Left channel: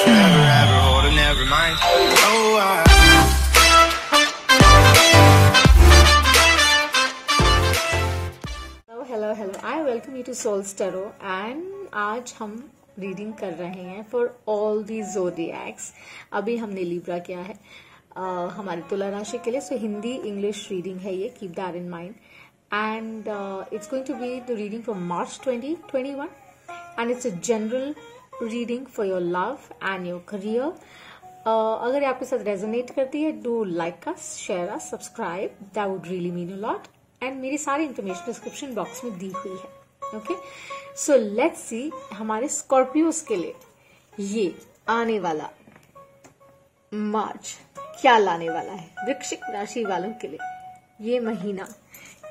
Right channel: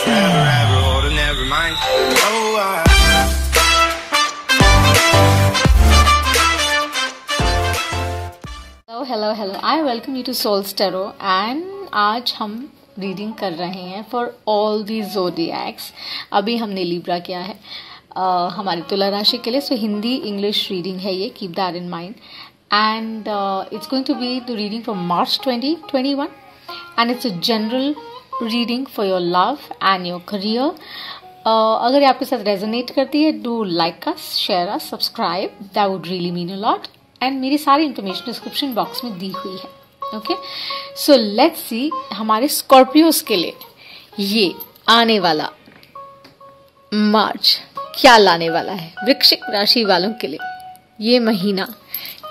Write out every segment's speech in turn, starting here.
forever, ever hold a never mind. Oh, Hello. I welcome you to Soul's Tarot and आज हम reading कर रहे हैं for all the zodiacs. अभी हमने लिब्रा किया है हमारी तुला राशि के लिए। सो हिंदी इंग्लिश रीडिंग है ये, keep that in mind. And it's going to be the reading for March 2021 and it's a general reading for your love and your career. अगर आपके साथ रेजोनेट करती है, do like us, share us, subscribe, that would really mean a lot. And मेरी सारी information description box में दी हुई है। ओके, सो लेट्स सी हमारे स्कॉर्पियोज के लिए ये आने वाला मार्च क्या लाने वाला है। वृश्चिक राशि वालों के लिए ये महीना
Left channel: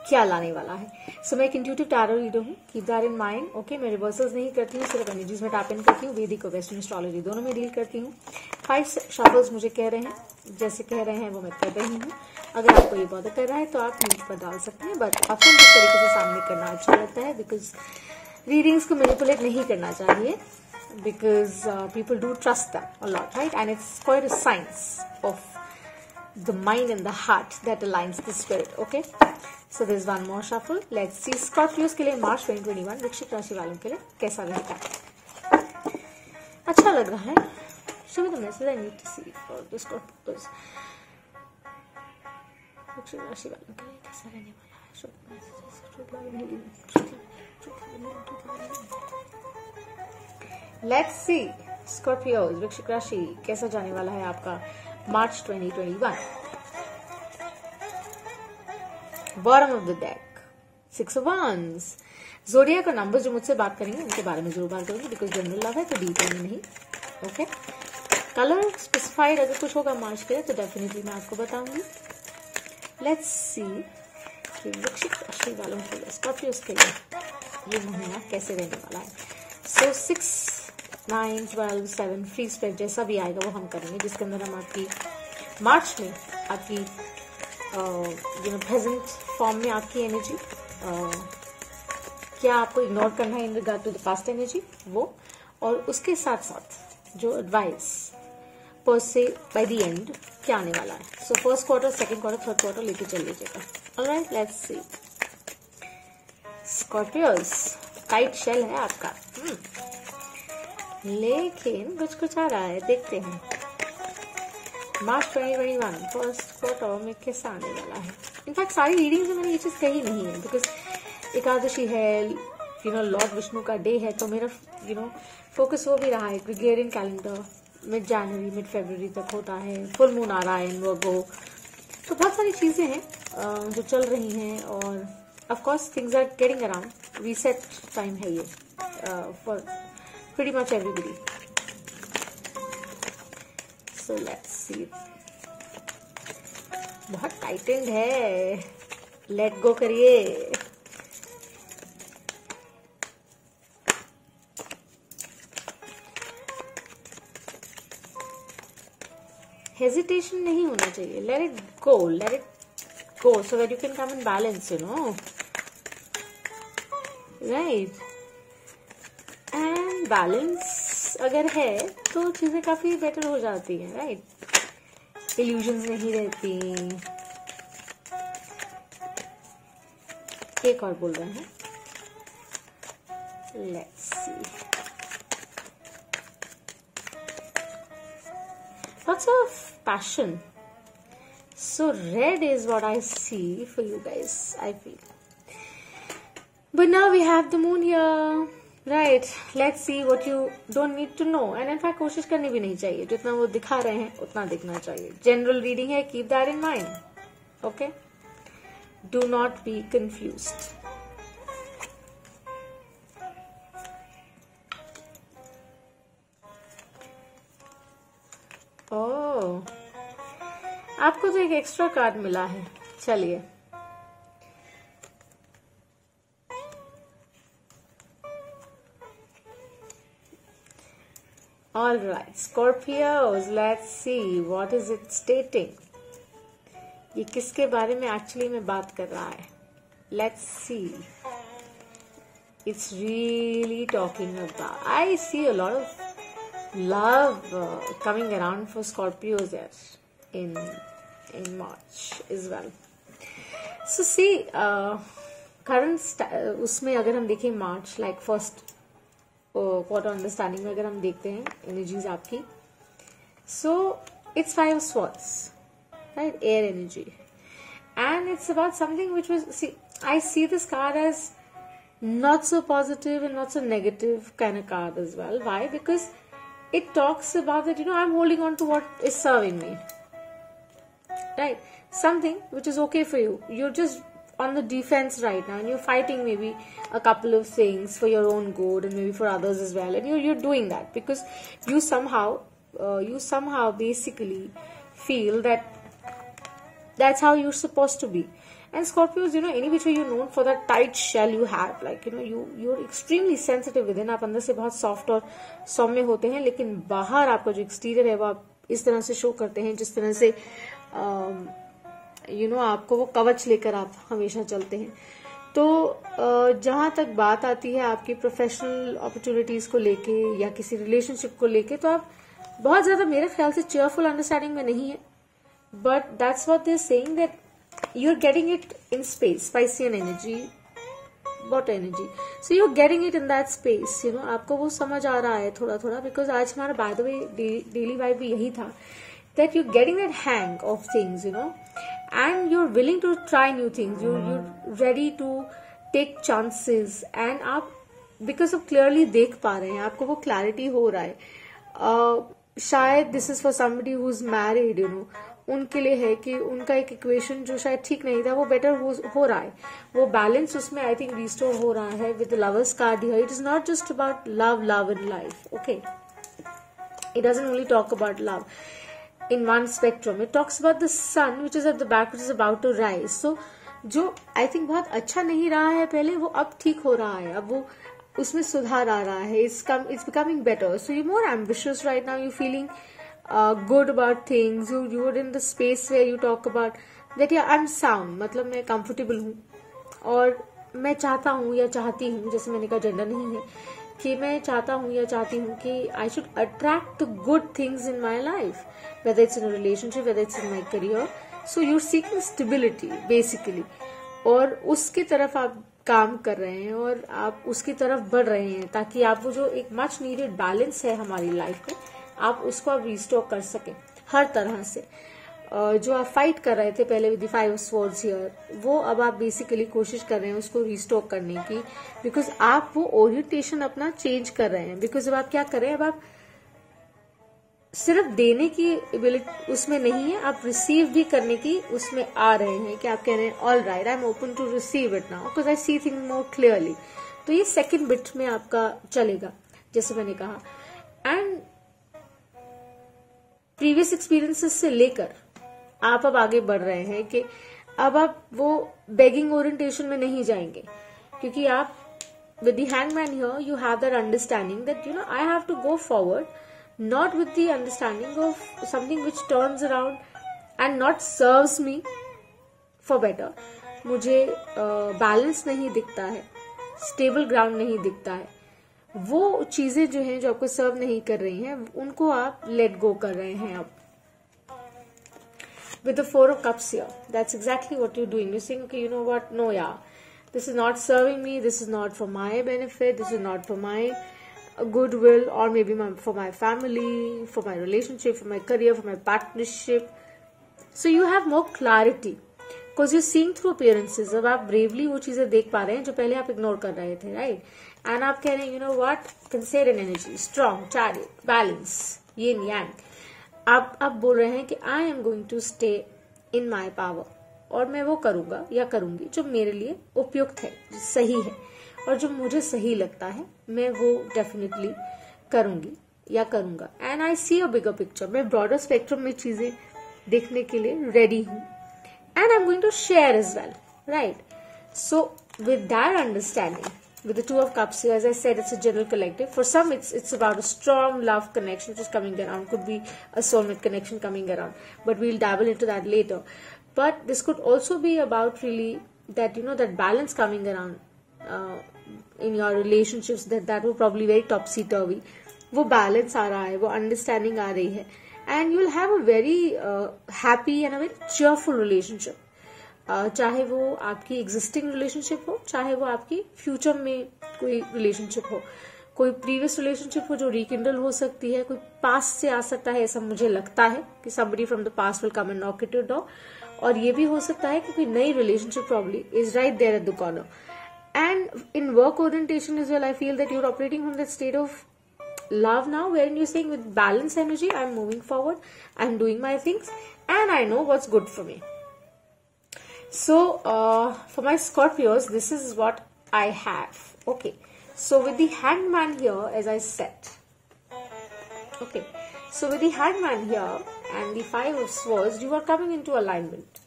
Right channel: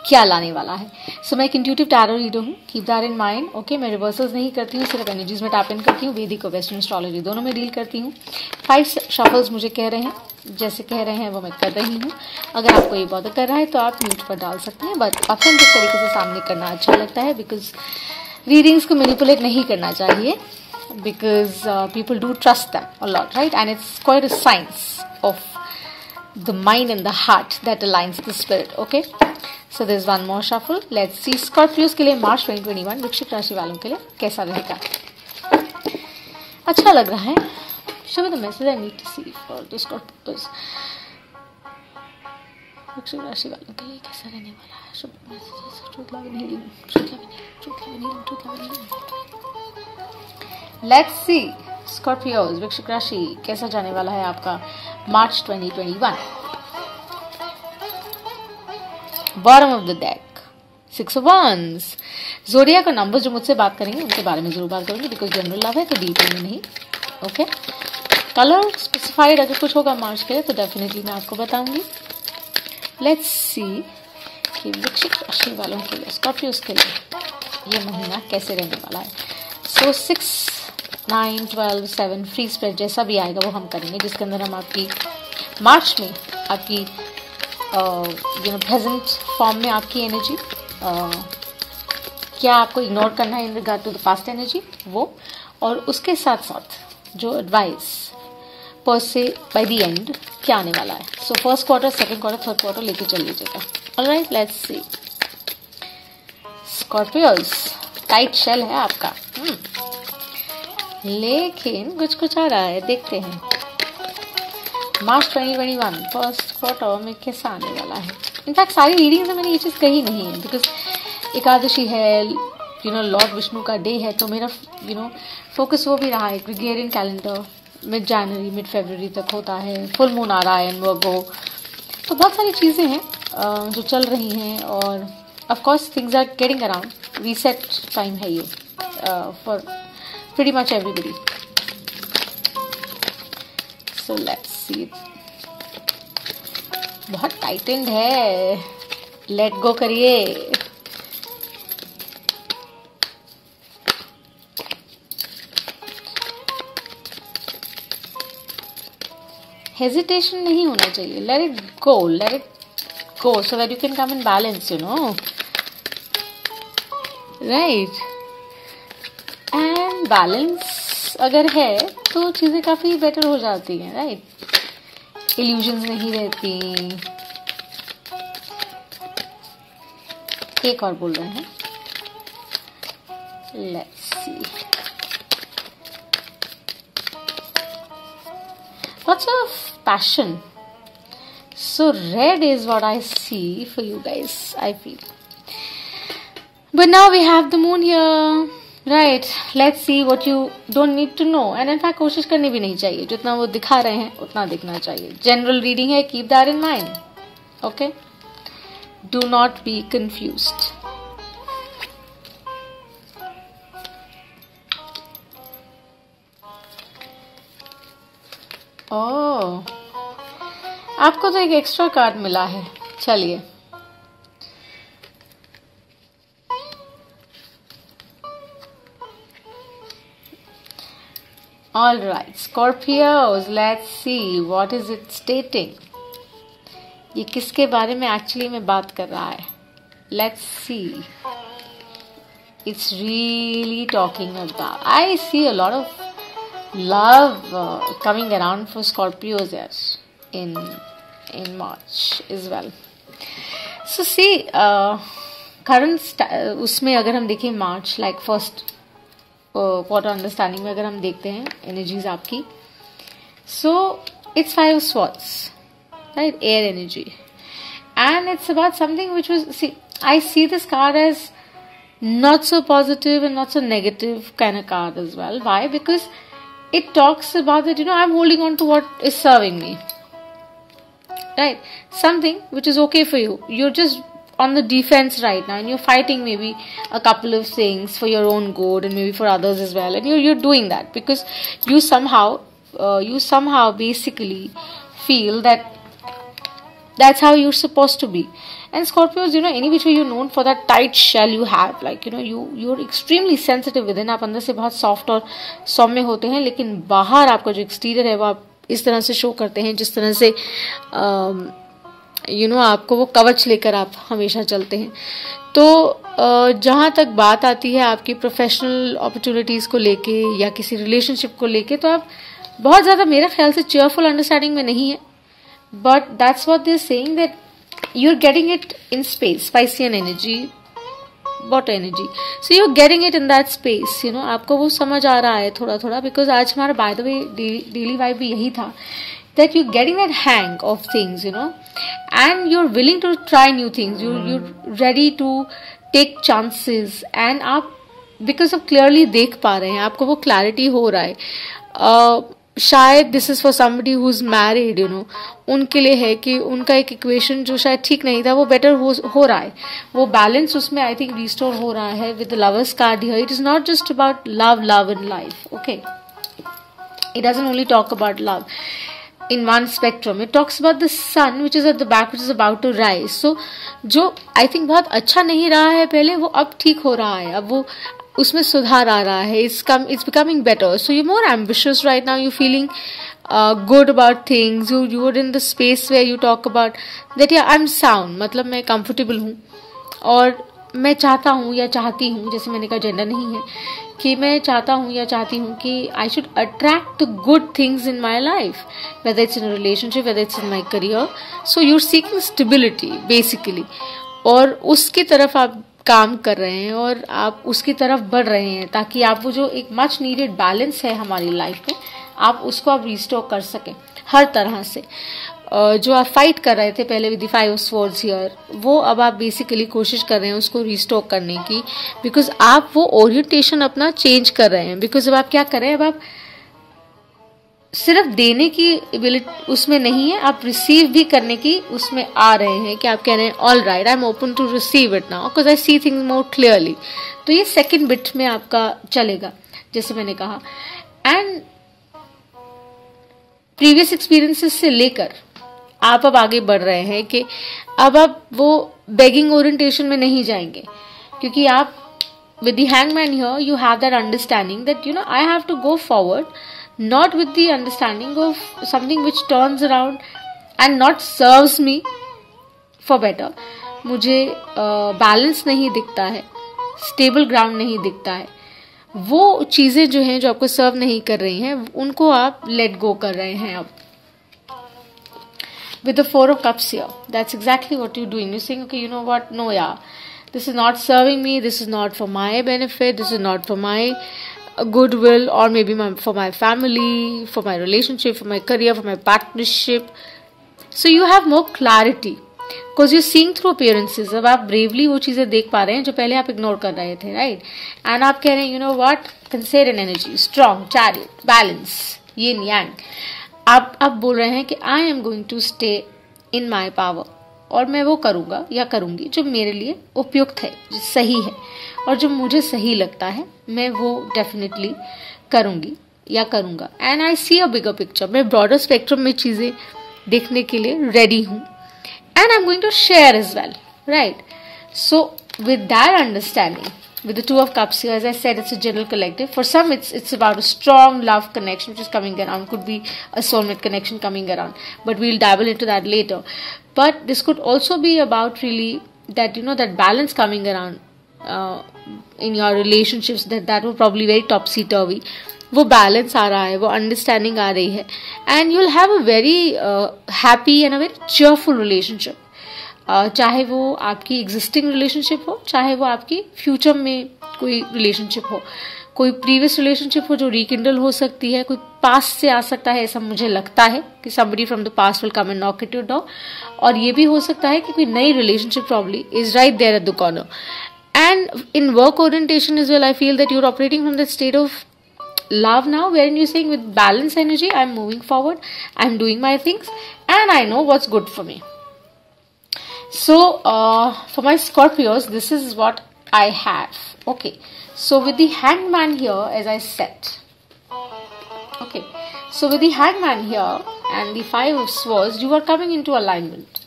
क्या लाने वाला है। सो मैं एक इंट्यूटिव टैरो रीडर हूँ, keep that in mind. Okay, मैं रिवर्सल्स नहीं करती हूँ, सिर्फ एनर्जीज में टैप इन करती हूँ। वैदिक और वेस्टर्न एस्ट्रोलॉजी दोनों में डील करती हूँ। 5 शफल्स मुझे कह रहे हैं, जैसे कह रहे हैं वो मैं कर रही हूँ। अगर आपको ये बॉदर कर रहा है तो आप म्यूट पर डाल सकते हैं, बट अपन जिस तरीके से सामने करना अच्छा लगता है, बिकॉज रीडिंग्स को मैनिपुलेट नहीं करना चाहिए, because people do trust that a lot, right? And it's quite a science of the mind and the heart that aligns the spirit. Okay, so there's one more shuffle. Let's see Scorpios के लिए मार्च 2021 वृश्चिक राशि वालों के लिए कैसा रहेगा। अच्छा लग रहा है। Show me the message I need to see for the Scorpios। वृश्चिक राशि वालों के लिए कैसा रहने वाला है। शुभ messages, truth love and healing, truth love and healing. Let's see Scorpios वृश्चिक राशि कैसा जाने वाला है आपका मार्च 2021। Bottom of the deck 6 of Wands। Zodiac का नंबर्स जो मुझसे बात करेंगे उनके बारे में जरूर बात करूंगी, बिकॉज जनरल लव है तो डिटेल में नहीं। ओके, कलर स्पेसिफाइड अगर कुछ होगा मार्च के लिए तो डेफिनेटली मैं आपको बताऊंगी। लेट्स सी कि वृश्चिक राशि वालों के लिए, स्कॉर्पियोज के लिए ये महीना कैसे रहने वाला है। सो 6, 9, 12, 7 फ्री स्प्रेड जैसा भी आएगा वो हम करेंगे, जिसके अंदर हम आपकी मार्च में आपकी प्रेजेंट फॉर्म में आपकी एनर्जी, क्या आपको इग्नोर करना है in regard to the past energy वो, और उसके साथ साथ जो एडवाइस पर से बाय द एंड क्या आने वाला है। So first quarter, second quarter, third quarter लेके चल लीजिएगा। Alright, let's see Scorpios. Tight shell है आपका, लेकिन कुछ आ रहा है, देखते हैं मार्च 2021 फर्स्ट क्वार्टर में कैसा आने वाला है। इनफैक्ट सारी रीडिंग्स में मैंने ये चीज़ कही नहीं है, बिकॉज एकादशी है, लॉर्ड विष्णु का डे है, तो मेरा फोकस वो भी रहा है। ग्रेगोरियन कैलेंडर मिड जनवरी मिड फरवरी तक होता है, फुल मून आ रहा है एंड वो, तो बहुत सारी चीज़ें हैं जो चल रही हैं, और of course things are getting around. Reset time है ये for pretty much everybody. So let's see. बहुत टाइटेंड है, लेट गो करिए। हेजिटेशन नहीं होना चाहिए, let it go so that you can come in balance, right? And balance अगर है तो चीज़ें काफ़ी बेटर हो जाती हैं, राइट? इल्यूजन्स नहीं रहती। एक और बोल रहे हैं, let's see lots of passion. So red is what I see for you guys, I feel, but now we have the moon here. Right, let's see what you don't need to know, and in fact कोशिश करनी भी नहीं चाहिए, जितना वो दिखा रहे हैं उतना दिखना चाहिए। जनरल रीडिंग है, keep that in mind. Okay, do not be confused. ओह, आपको तो एक एक्स्ट्रा कार्ड मिला है, चलिए। All right, Scorpios, let's see what is it stating. ये किसके बारे में एक्चुअली में बात कर रहा है। Let's see. It's really talking about. I see a lot of love coming around for Scorpios, yes, in March as well. So see, current उसमें अगर हम देखें मार्च लाइक फर्स्ट क्वार्टर अंडरस्टैंडिंग में अगर हम देखते हैं एनर्जीज आपकी, so it's 5 of Swords, right? Air energy, and it's about something which was, see, I see this card as not so positive and not so negative kind of card as well. Why? Because it talks about that, I'm holding on to what is serving me, right? Something which is okay for you. You're just on the defense right now, and you're fighting maybe a couple of things for your own good and maybe for others as well, and you're doing that because you somehow basically feel that that's how you're supposed to be. And Scorpios, any which way you're known for that tight shell you have, like you're extremely sensitive within. आप अंदर से बहुत soft और सौम्य होते हैं, लेकिन बाहर आपका जो exterior है वो आप इस तरह से शो करते हैं जिस तरह से आपको वो कवच लेकर आप हमेशा चलते हैं. तो जहाँ तक बात आती है आपकी प्रोफेशनल अपॉर्चुनिटीज़ को लेके या किसी रिलेशनशिप को लेके, तो आप बहुत ज़्यादा मेरे ख्याल से चेयरफुल अंडरस्टैंडिंग में नहीं है. But that's what they are saying, that you're getting it in space, Piscean energy, water energy, so you're getting it in that space. आपको वो समझ आ रहा है थोड़ा थोड़ा, because आज हमारा by the way daily vibe भी यही था, that you're getting that hang of things, and you're willing to try new things, you're ready to take chances, and आप because आप clearly देख पा रहे हैं, आपको वो clarity हो रहा है. शायद this is for somebody who is married, उनके लिए है कि उनका एक इक्वेशन जो शायद ठीक नहीं था वो बेटर हो रहा है, वो बैलेंस उसमें आई थिंक रिस्टोर हो रहा है with the lovers card here. It is not just about love in life, okay, it doesn't only talk about love in one spectrum. It talks about the sun which is at the back, which is about to rise. So जो I think बहुत अच्छा नहीं रहा है पहले, वो अब ठीक हो रहा है, अब वो उसमें सुधार आ रहा है. It's becoming better. So you're more ambitious right now. You're feeling good about things. You're in the space where you talk about that, yeah, I'm sound. मतलब मैं comfortable हूँ और मैं चाहता हूँ या चाहती हूँ, जैसे मैंने कहा जेंडर नहीं है, कि मैं चाहता हूँ या चाहती हूँ कि I should attract the good things in my life, whether it's in relationship, whether it's in my career. So you're seeking stability basically, और उसकी तरफ आप काम कर रहे हैं और आप उसकी तरफ बढ़ रहे हैं, ताकि आप वो जो एक मच नीडेड बैलेंस है हमारी लाइफ में, आप उसको आप रिस्टोर कर सकें हर तरह से. जो आप फाइट कर रहे थे पहले with the 5 of Swords here, वो अब आप बेसिकली कोशिश कर रहे हैं उसको रिस्टोर करने की, बिकॉज आप वो ओरिएंटेशन अपना चेंज कर रहे हैं. बिकॉज अब आप क्या कर रहे हैं, अब आप सिर्फ देने की एबिलिटी उसमें नहीं है, आप रिसीव भी करने की उसमें आ रहे हैं, कि आप कह रहे हैं all right, I am open to receive it now because I see things more clearly. तो ये सेकेंड बिट में आपका चलेगा, जैसे मैंने कहा. एंड प्रीवियस एक्सपीरियंसेस से लेकर आप अब आगे बढ़ रहे हैं कि अब आप वो बेगिंग ओरिएंटेशन में नहीं जाएंगे, क्योंकि आप with the hangman here you have that understanding that I have to go forward, not with the understanding of something which turns around and not serves me for better. मुझे balance नहीं दिखता है, stable ground नहीं दिखता है, वो चीज़ें जो हैं जो आपको सर्व नहीं कर रही हैं उनको आप लेट गो कर रहे हैं अब. With the 4 of Cups here, that's exactly what you're doing. You're saying, okay, you know what, no, yeah, this is not serving me, this is not for my benefit, this is not for my goodwill, or maybe for my family, for my relationship, for my career, for my partnership. So you have more clarity because you're seeing through appearances. अब आप bravely वो चीज़ें देख पा रहे हैं जो पहले आप ignore कर रहे थे, right? And आप कह रहे हैं, you know what, Cancerian energy, strong, chariot, balance, yin yang. आप बोल रहे हैं कि I am going to stay in my power, और मैं वो करूँगा या करूँगी जो मेरे लिए उपयुक्त है, जो सही है, और जो मुझे सही लगता है मैं वो डेफिनेटली करूँगी या करूँगा. And I see a bigger picture, मैं ब्रॉडर स्पेक्ट्रम में चीज़ें देखने के लिए रेडी हूँ. And I am going to share as well, right? So with that understanding, with the 2 of Cups here, as I said, it's a general collective. For some, it's about a strong love connection which is coming around. Could be a soulmate connection coming around, but we'll dabble into that later. But this could also be about really that that balance coming around in your relationships. That will probably very topsy turvy. वो balance आ रहा है, वो understanding आ रही है, and you will have a very happy and a very cheerful relationship. चाहे वो आपकी existing relationship हो, चाहे वो आपकी फ्यूचर में कोई रिलेशनशिप हो, कोई प्रीवियस रिलेशनशिप हो जो रिकिंडल हो सकती है, कोई पास्ट से आ सकता है, ऐसा मुझे लगता है कि somebody from the past will come and knock at your door, और ये भी हो सकता है कि कोई नई relationship probably is right there at the corner. And in work orientation as well, I feel that you're operating from the state of love now, wherein you're saying with balanced energy, I'm moving forward, I'm doing my things, and I know what's good for me. So for my Scorpios, this is what I have. Okay, so with the Hangman here, as I said, okay, so with the Hangman here and the Five of Swords, you are coming into alignment.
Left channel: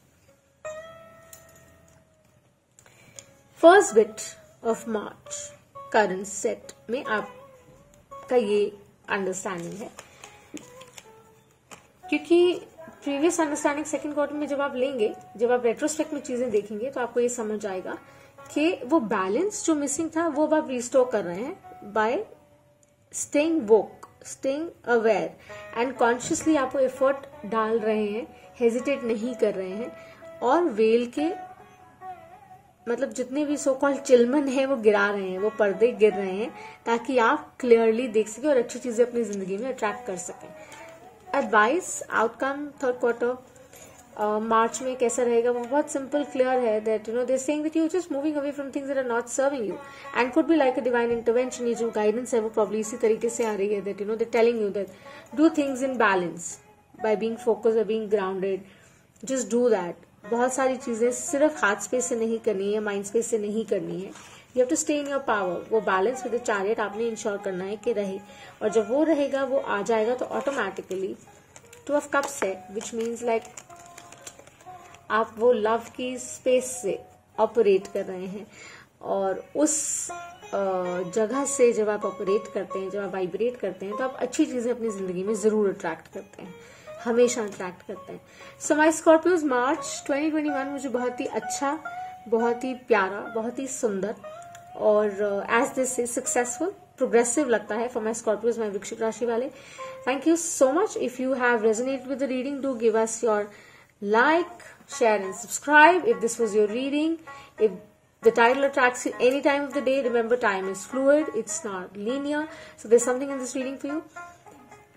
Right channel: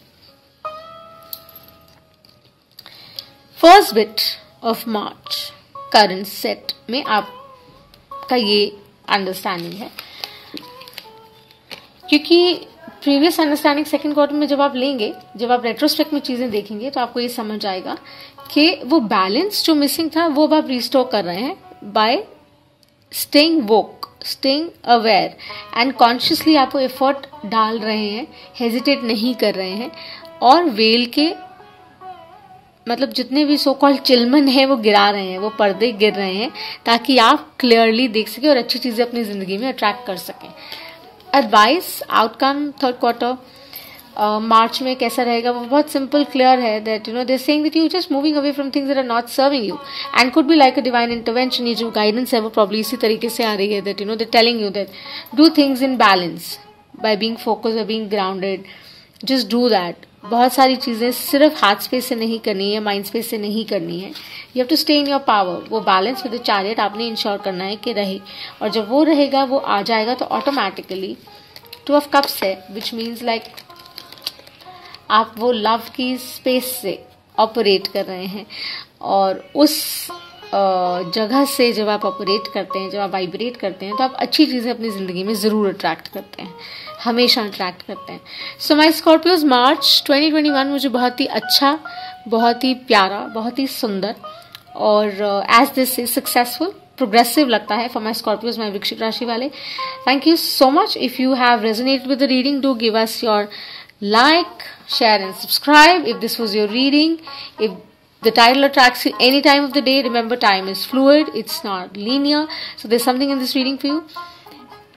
First bit of March current set में आपका ये understanding है, क्योंकि previous understanding second quarter में जब आप लेंगे, जब आप रेट्रोस्पेक्ट में चीजें देखेंगे, तो आपको ये समझ आएगा कि वो बैलेंस जो मिसिंग था वो अब आप रिस्टोर कर रहे हैं bye staying woke, staying aware and consciously आपको एफर्ट डाल रहे हैं, हेजिटेट नहीं कर रहे हैं, और वेल के मतलब जितने भी सो कॉल्ड चिलमन है वो गिरा रहे हैं, वो पर्दे गिर रहे हैं, ताकि आप क्लियरली देख सकें और अच्छी चीजें अपनी जिंदगी में अट्रैक्ट कर सकें। Advice outcome third quarter March में कैसा रहेगा, वो बहुत सिंपल क्लियर है, that you know they saying that you just moving away from things that are not serving you and could be like a divine intervention. ये जो guidance है वो प्रॉब्ली इसी तरीके से आ रही है, that you know they telling you that do things in balance by being focused, by being grounded, just do that. बहुत सारी चीज़ें सिर्फ हार्ट स्पेस से नहीं करनी है, माइंड स्पेस से नहीं करनी है, you have to stay in your power. वो बैलेंस विद द चैरियट आपने इंश्योर करना है कि रहे, और जब वो रहेगा, वो आ जाएगा, तो ऑटोमेटिकली टू ऑफ कप्स है, विच मीन्स लाइक आप वो लव की स्पेस से ऑपरेट कर रहे हैं, और उस जगह से जब आप ऑपरेट करते हैं, जब आप वाइब्रेट करते हैं, तो आप अच्छी चीज़ें अपनी ज़िंदगी में ज़रूर अट्रैक्ट करते हैं, हमेशा अट्रैक्ट करते हैं। सो माई स्कॉर्पियोज मार्च 2021 मुझे बहुत ही अच्छा, बहुत ही प्यारा, बहुत ही सुंदर और as this is successful, progressive लगता है फॉर माई स्कॉर्पियोज, माई वृश्चिक राशि वाले। Thank you so much. If you have resonated with the reading, do give us your like, share and subscribe if this was your reading. If the title attracts you any time of the day, remember time is fluid, it's not linear, so there's something in this reading for you.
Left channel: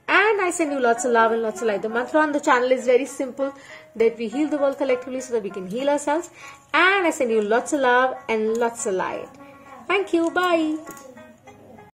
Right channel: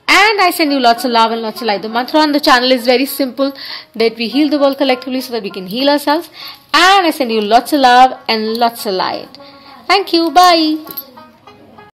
And I send you lots of love and lots of light. The mantra on the channel is very simple, that we heal the world collectively so that we can heal ourselves. And I send you lots of love and lots of light. Thank you. Bye.